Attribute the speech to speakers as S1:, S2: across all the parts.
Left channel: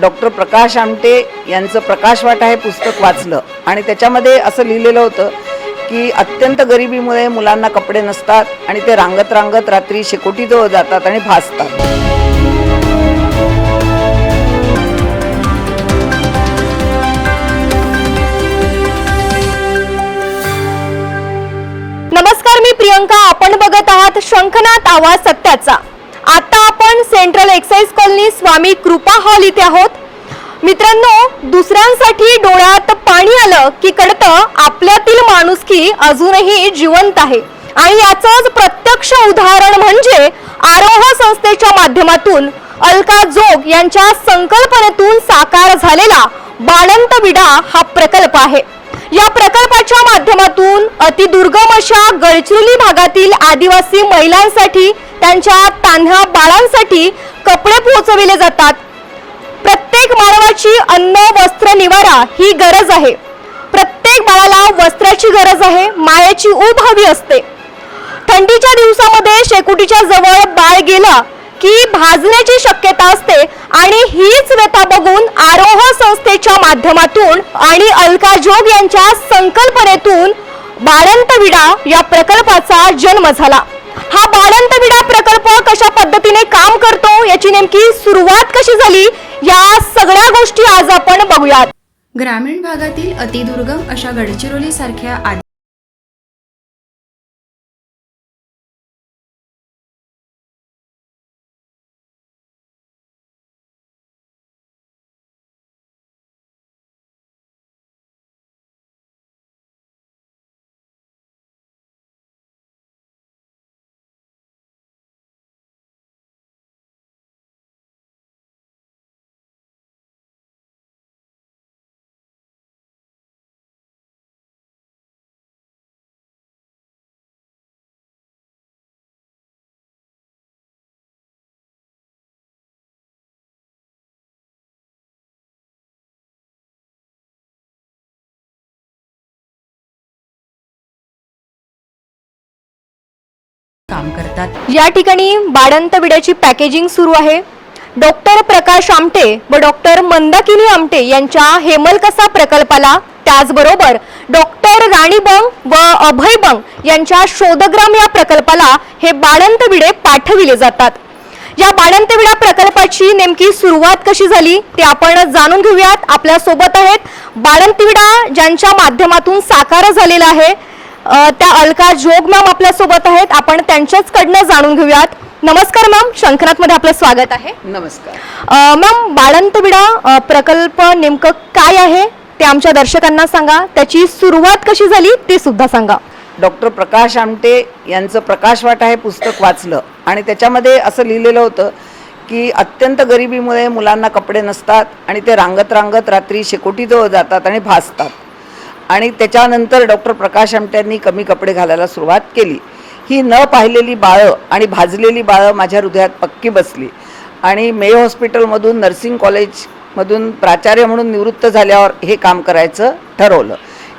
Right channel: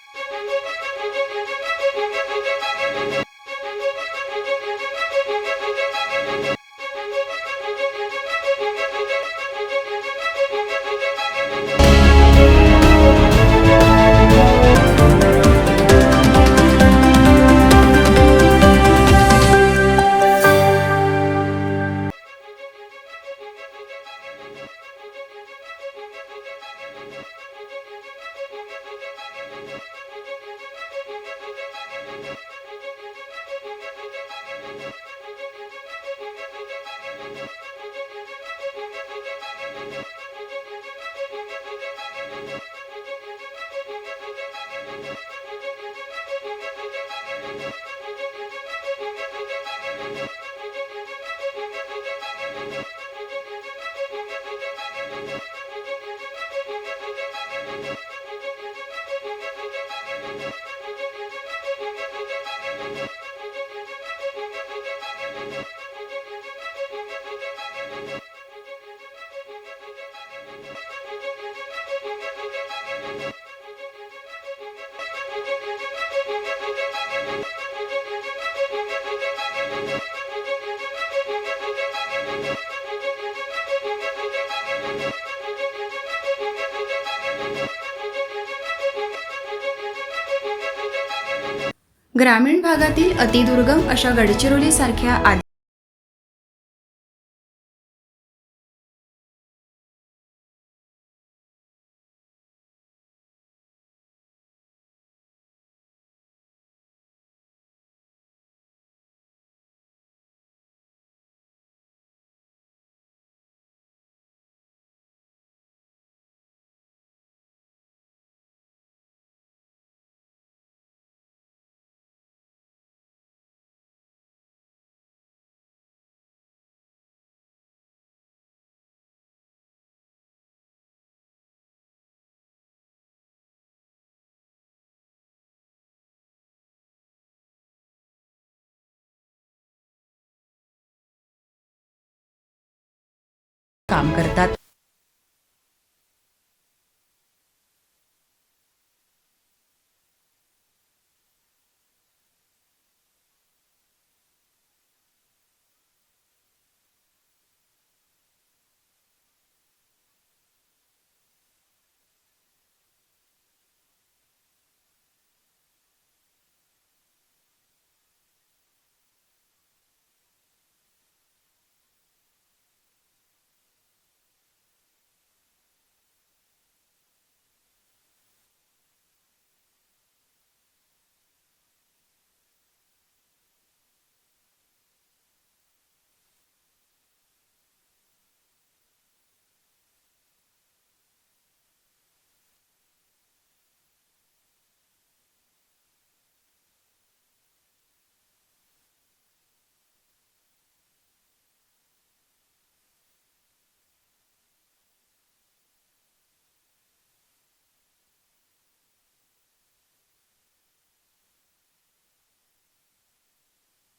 S1: Doctor Prakash Amte यांचं प्रकाशवाट हे पुस्तक वाचलं. आणि त्याच्यामध्ये असं लिहिलेलं होतं की अत्यंत गरिबीमुळे मुलांना कपडे नसतात आणि ते रांगत रांगत रात्री शेकोटीजवळ जातात आणि भासतात
S2: नमस्कार मी प्रियंका. आपण बघत आहात शंखनाथ आवाज सत्याचा. आता सेंट्रल एक्साइज कॉलनी स्वामी कृपा हॉल इथे आहोत. मित्रांनो दुसऱ्यांसाठी डोळ्यात पाणी आलं की कळतं आपल्यातील माणुसकी अजूनही जिवंत आहे. आणि याचंच प्रत्यक्ष उदाहरण म्हणजे आरोह संस्थेच्या माध्यमातून अलका जोग यांच्या संकल्पनेतून साकार झालेला बाळंत विडा हा प्रकल्प आहे. या प्रकल्पाच्या माध्यमातून अतिदुर्गम अशा गडचिरोली भागातील आदिवासी महिलांसाठी त्यांच्या तान्ह्या बाळांसाठी कपडे पोहोचविले जातात. प्रत्येक मानवाची अन्न वस्त्र निवारा ही गरज आहे. प्रत्येक बाळाला वस्त्राची गरज आहे मायेची ऊब हवी असते. थंडीच्या दिवसामध्ये शेकोटीच्या जवळ बाळ गेला की भाजण्याची शक्यता असते आणि हीच व्यथा बघून आरोह संस्थेच्या माध्यमातून आणि अलका जोग यांच्या संकल्पनेतून बाळंत विडा या प्रकल्पाचा जन्म झाला. हा बाळंत विडा प्रकल्प कशा पद्धतीने काम करतो याची नेमकी सुरुवात कशी झाली या सगळ्या गोष्टी आज आपण बघूयात.
S3: ग्रामीण भागातील अतिदुर्गम अशा गडचिरोली काम करतात.
S2: या ठिकाणी बाळंत विड्याची पॅकेजिंग सुरू आहे. डॉक्टर प्रकाश आमटे व डॉक्टर मंदाकिनी आमटे यांच्या हेमलकसा प्रकल्पाला त्याचबरोबर डॉक्टर राणी बंग व अभय बंग यांच्या शोधग्राम या प्रकल्पाला हे बाळंत विडे पाठविले जातात. या बाळंत विडा प्रकल्पाची नेमकी सुरुवात कशी झाली ते आपण जाणून घेऊयात. आपल्यासोबत आहेत बाळंत विडा ज्यांच्या माध्यमातून साकार झालेला आहे. त्या अलका जोग मॅम आपल्यासोबत आहेत. आपण त्यांच्याच कडनं जाणून घेऊयात. नमस्कार मॅम. शंखनाथमध्ये आपलं स्वागत आहे.
S1: नमस्कार.
S2: मॅम बाळंत विडा अ, प्रकल्प नेमकं काय आहे? ते आमच्या दर्शकांना सांगा. त्याची सुरुवात कशी झाली ते सुद्धा सांगा.
S1: डॉक्टर प्रकाश आमटे यांचं प्रकाशवाट हे पुस्तक वाचलं. आणि त्याच्यामध्ये असं लिहिलेलं होतं की अत्यंत गरिबीमुळे मुलांना कपडे नसतात आणि ते रांगत रांगत रात्री शेकोटीजवळ जातात आणि भासतात आणि त्याच्यानंतर डॉक्टर प्रकाश आमट्यांनी कमी कपडे घालायला सुरुवात केली. ही न पाहिलेली बाळं आणि भाजलेली बाळं माझ्या हृदयात पक्की बसली. आणि मे हॉस्पिटलमधून नर्सिंग कॉलेजमधून प्राचार्य म्हणून निवृत्त झाल्यावर हे काम करायचं ठरवलं.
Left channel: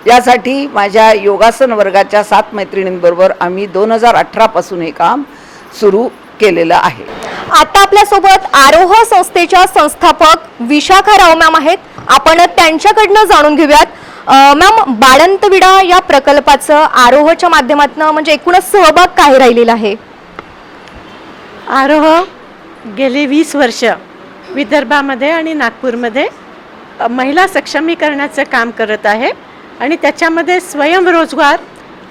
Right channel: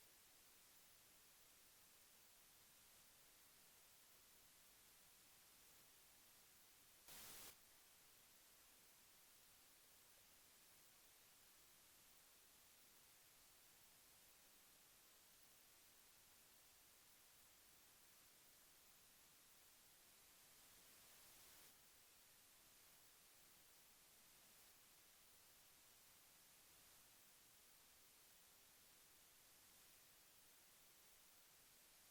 S1: यासाठी माझ्या योगासन वर्गाच्या सात मैत्रिणींबरोबर आम्ही दोन हजार अठरापासून हे काम सुरू केलेलं आहे.
S2: आता आपल्यासोबत आरोह संस्थेच्या संस्थापक विशाखा राव मॅम आहेत. आपण त्यांच्याकडनं जाणून घेऊयात. मॅम बाळंत विडा या प्रकल्पाचं आरोहच्या माध्यमातून म्हणजे एकूणच सहभाग काय राहिलेला आहे?
S4: आरोह गेली वीस वर्ष विदर्भामध्ये आणि नागपूरमध्ये महिला सक्षमीकरणाचं काम करत आहे आणि त्याच्यामध्ये स्वयंरोजगार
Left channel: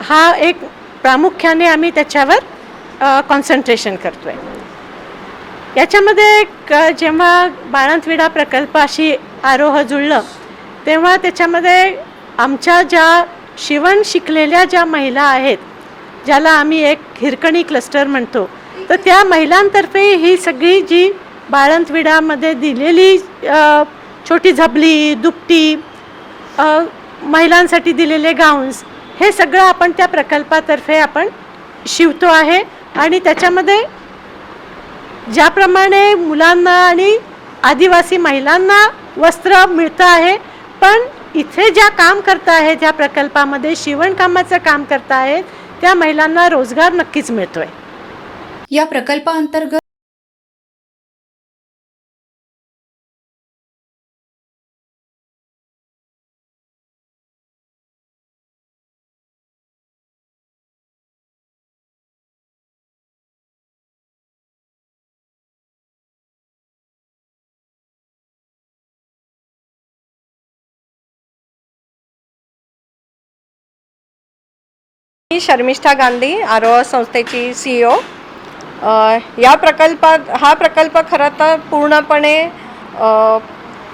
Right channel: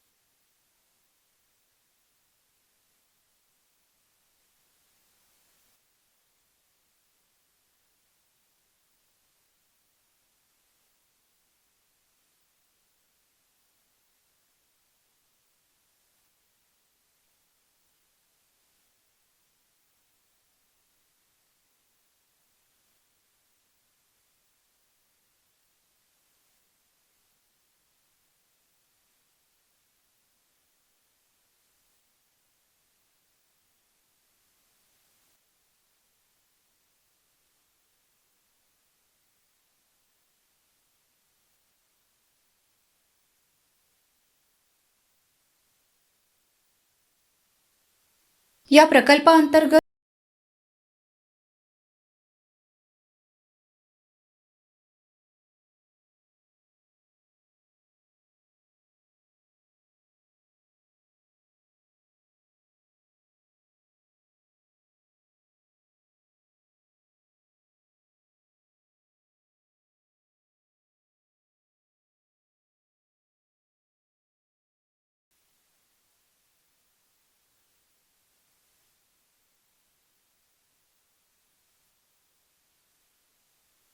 S4: हा एक प्रामुख्याने आम्ही त्याच्यावर कॉन्सन्ट्रेशन करतो आहे याच्यामध्ये क जेव्हा बाळंतविडा प्रकल्पाशी आरोह जुळलं तेव्हा त्याच्यामध्ये आमच्या ज्या शिवण शिकलेल्या ज्या महिला आहेत ज्याला आम्ही एक हिरकणी क्लस्टर म्हणतो तर त्या महिलांतर्फे ही सगळी जी बाळंतविडामध्ये दिलेली छोटी झबली दुपटी महिलांसाठी दिलेले गाऊन्स हे सगळं आपण त्या प्रकल्पातर्फे आपण शिवतो आहे. आणि त्याच्यामध्ये ज्याप्रमाणे मुलांना आणि आदिवासी महिलांना वस्त्र मिळतं आहे पण इथे ज्या काम करत आहेत ज्या प्रकल्पामध्ये शिवणकामाचं काम करत आहेत त्या महिलांना रोजगार नक्कीच मिळतोय.
S3: या प्रकल्पाअंतर्गत
S5: मी शर्मिष्ठा गांधी आरोह संस्थेची सी ओ या प्रकल्पात हा प्रकल्प खरं तर पूर्णपणे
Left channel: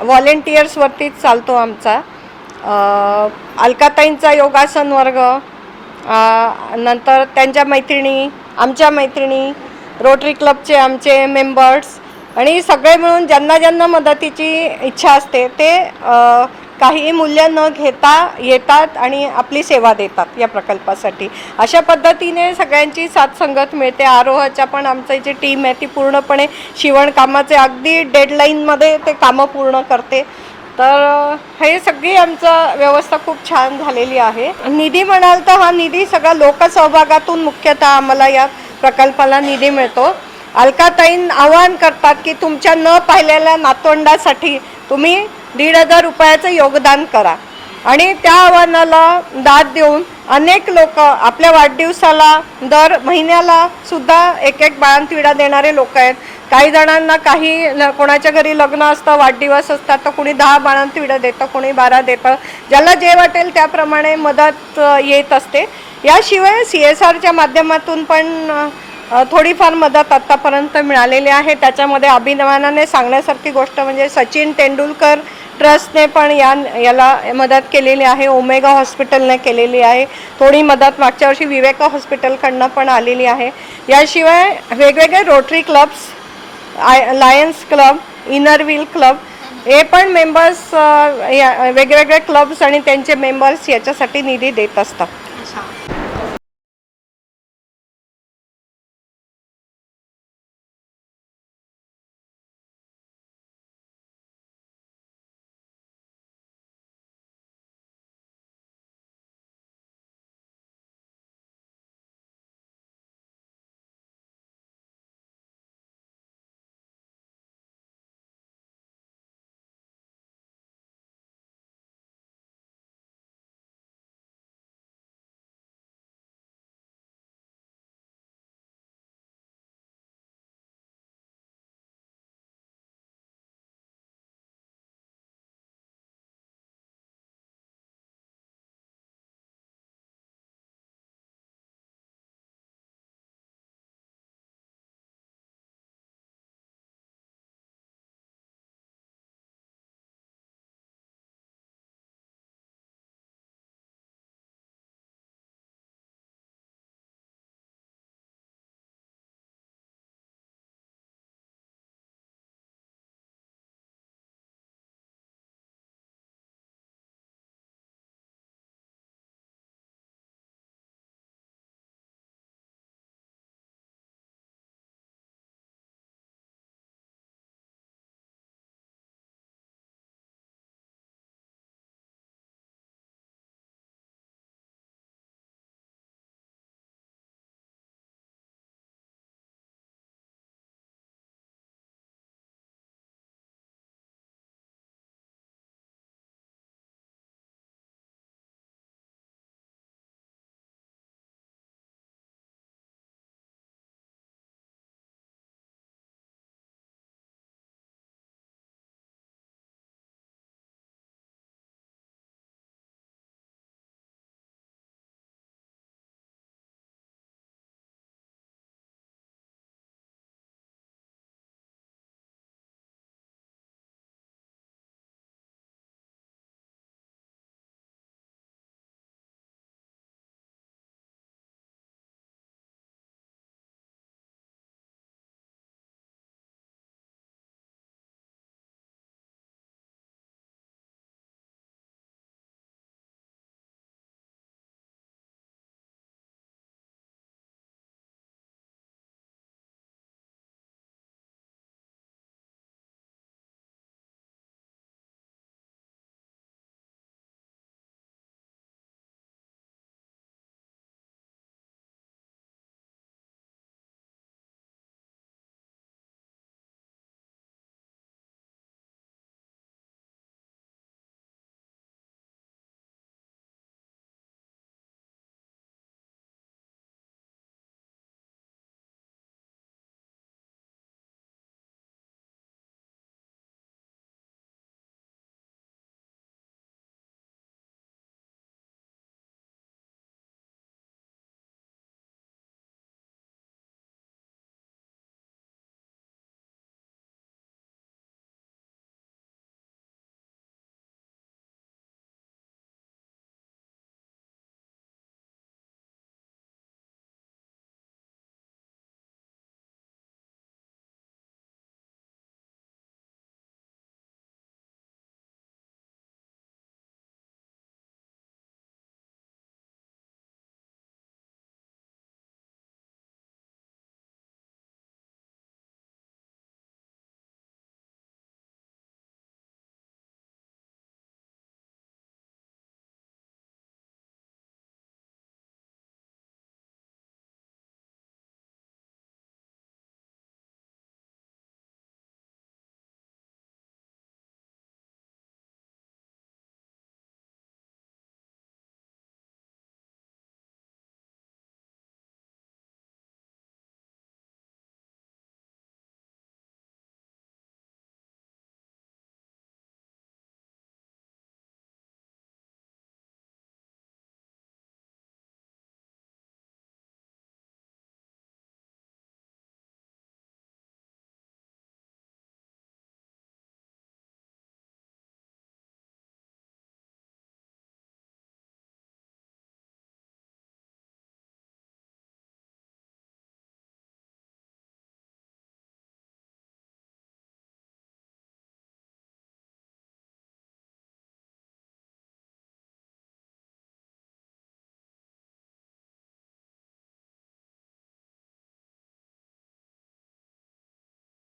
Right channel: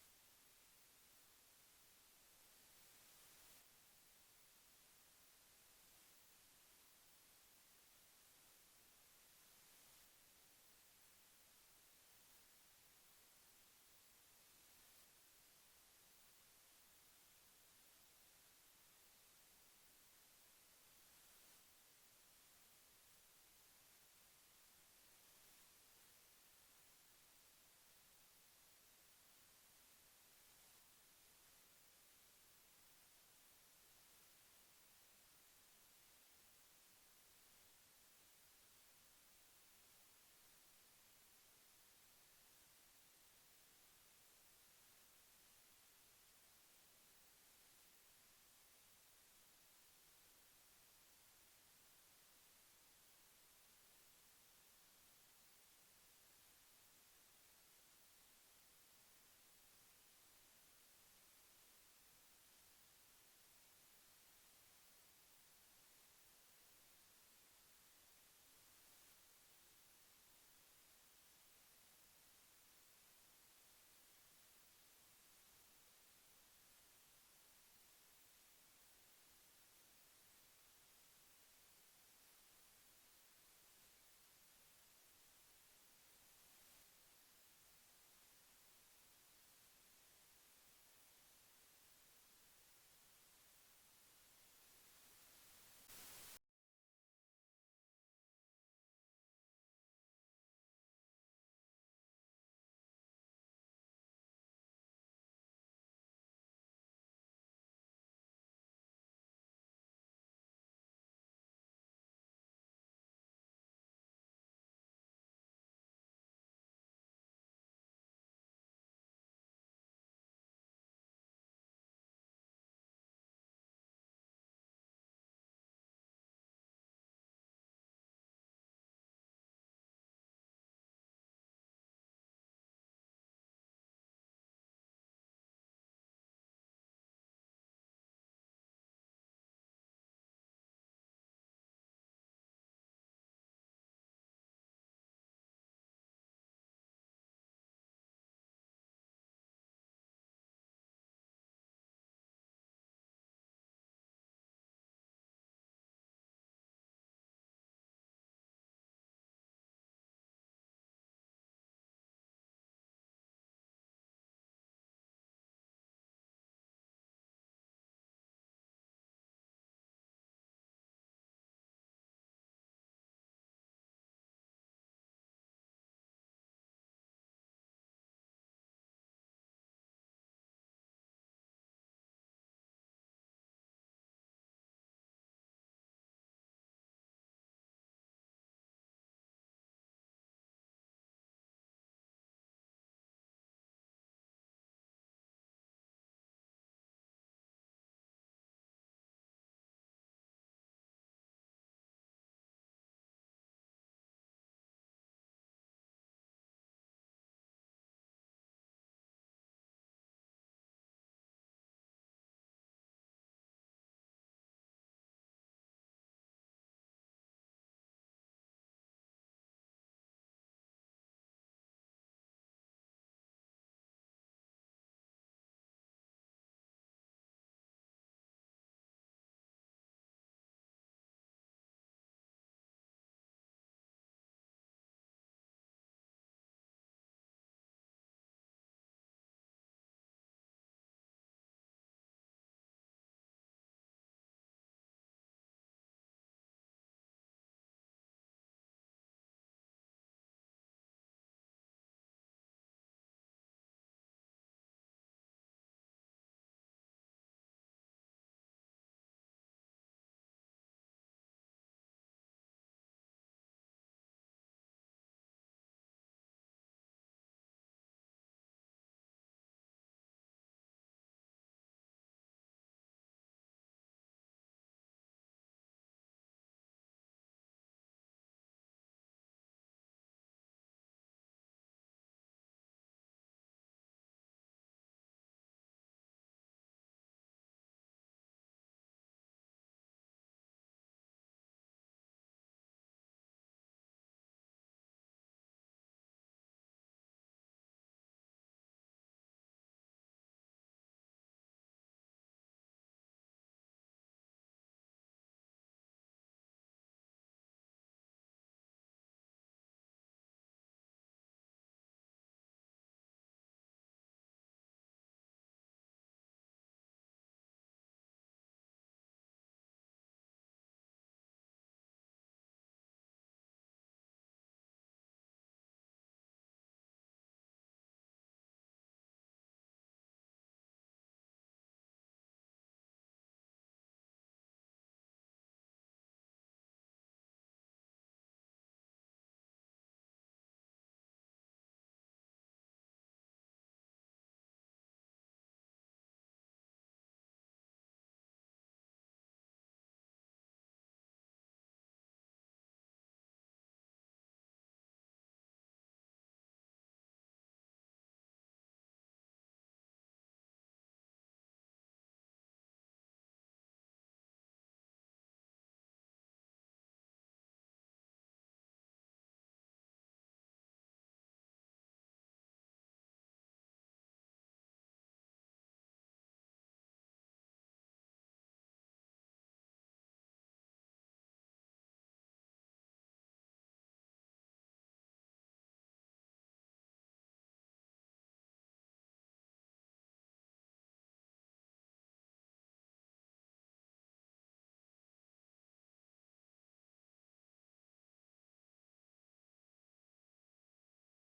S5: व्हॉलेंटियर्सवरतीच चालतो आमचा. अलकाताईंचा योगासन वर्ग नंतर त्यांच्या मैत्रिणी आमच्या मैत्रिणी रोटरी क्लबचे आमचे मेंबर्स आणि सगळे मिळून ज्यांना ज्यांना मदतीची इच्छा असते ते काही मूल्य न घेता येतात आणि आपली सेवा देतात या प्रकल्पासाठी. अशा पद्धतीने सगळ्यांची साथसंगत मिळते. आरोहाच्या पण आमचं जी टीम आहे ती पूर्णपणे शिवणकामाचे अगदी डेडलाईनमध्ये ते कामं पूर्ण करते. तर हे सगळी आमचं व्यवस्था खूप छान झालेली आहे. निधी म्हणाल तर हा निधी सगळा लोकसहभागातून मुख्यतः आम्हाला या प्रकल्पाला निधी मिळतो. अलकाताईन आवाहन करतात की तुमच्या न पाहिलेल्या नातवंडासाठी तुम्ही दीड हजार रुपयाचं योगदान करा. आणि त्या आव्हानाला दाद देऊन अनेक लोक आपल्या वाढदिवसाला दर महिन्याला सुद्धा एक एक बाळांतिडा देणारे लोक आहेत. काही जणांना काही ल- कोणाच्या घरी लग्न असतं वाढदिवस असतात तर कुणी दहा बाळांतिडं देतं कोणी बारा देतं. ज्याला जे वाटेल त्याप्रमाणे मदत येत असते. याशिवाय सी एस आरच्या माध्यमातून पण थोडीफार मदत आत्तापर्यंत मिळालेली आहे. त्याच्यामध्ये अभिनवानाने सांगण्यासारखी गोष्ट म्हणजे सचिन तेंडुलकर ट्रस्टने पण या याला मदत केलेली आहे. ओमेगा हॉस्पिटलने केलेली आहे. थोडी मदत मागच्या वर्षी विवेका हॉस्पिटलकडनं पण आलेली आहे. याशिवाय वेगवेगळे rotary clubs I lions club inner wheel club हे पण मेंबर्स या वेगवेगळे क्लब्स आणि त्यांचे मेंबर्स याच्यासाठी निधी देत असतात.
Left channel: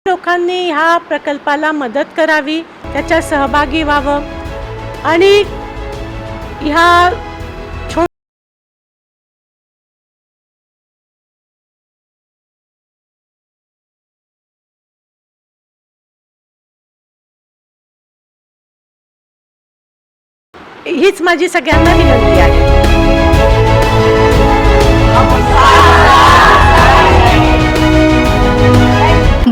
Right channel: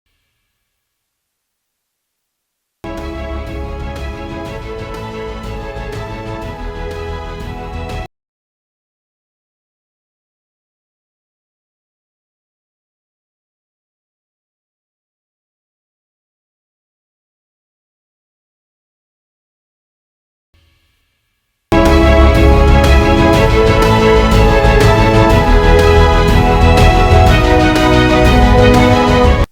S4: लोकांनी ह्या प्रकल्पाला मदत करावी त्याच्या सहभागी व्हावं आणि ह्या छो हीच माझी सगळ्यांना विनंती आहे.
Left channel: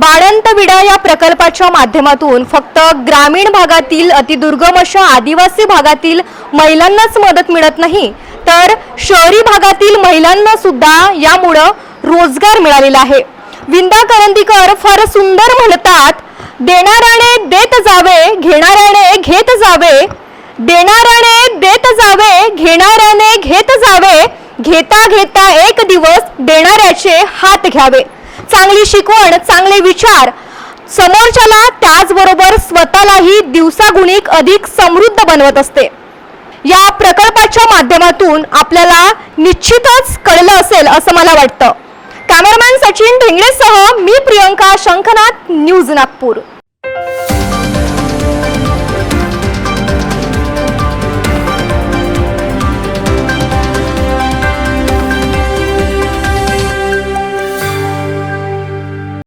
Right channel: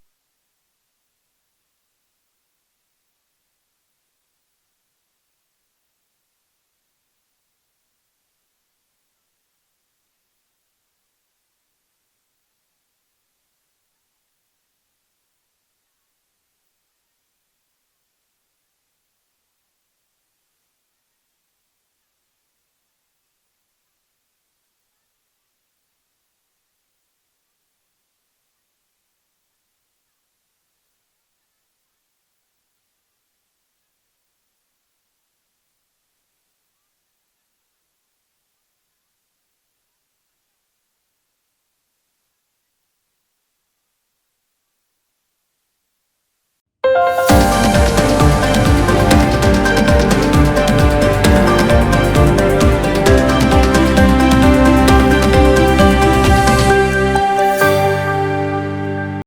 S2: बाळंत विडा या प्रकल्पाच्या माध्यमातून फक्त ग्रामीण भागातील अतिदुर्गम अशा आदिवासी भागातील महिलांनाच मदत मिळत नाही तर शहरी भागातील महिलांना सुद्धा यामुळं रोजगार मिळालेला आहे. विंदा करंदीकर फार सुंदर म्हणतात देणाऱ्याने देत जावे घेणाऱ्याने घेत जावे. देणाऱ्याने देत जावे घेणाऱ्याने घेत जावे. घेता घेता एक दिवस देणाऱ्याचे हात घ्यावे. चांगली शिकवण चांगले विचार. समोरच्याला त्याचबरोबर स्वतःलाही दिवसागुणिक अधिक समृद्ध बनवत असते. या प्रकल्पाच्या माध्यमातून आपल्याला निश्चितच कळलं असेल असं मला वाटतं. कॅमेरामॅन सचिन ढेंगळेसह मी प्रियंका शंखनाथ न्यूज नागपूर.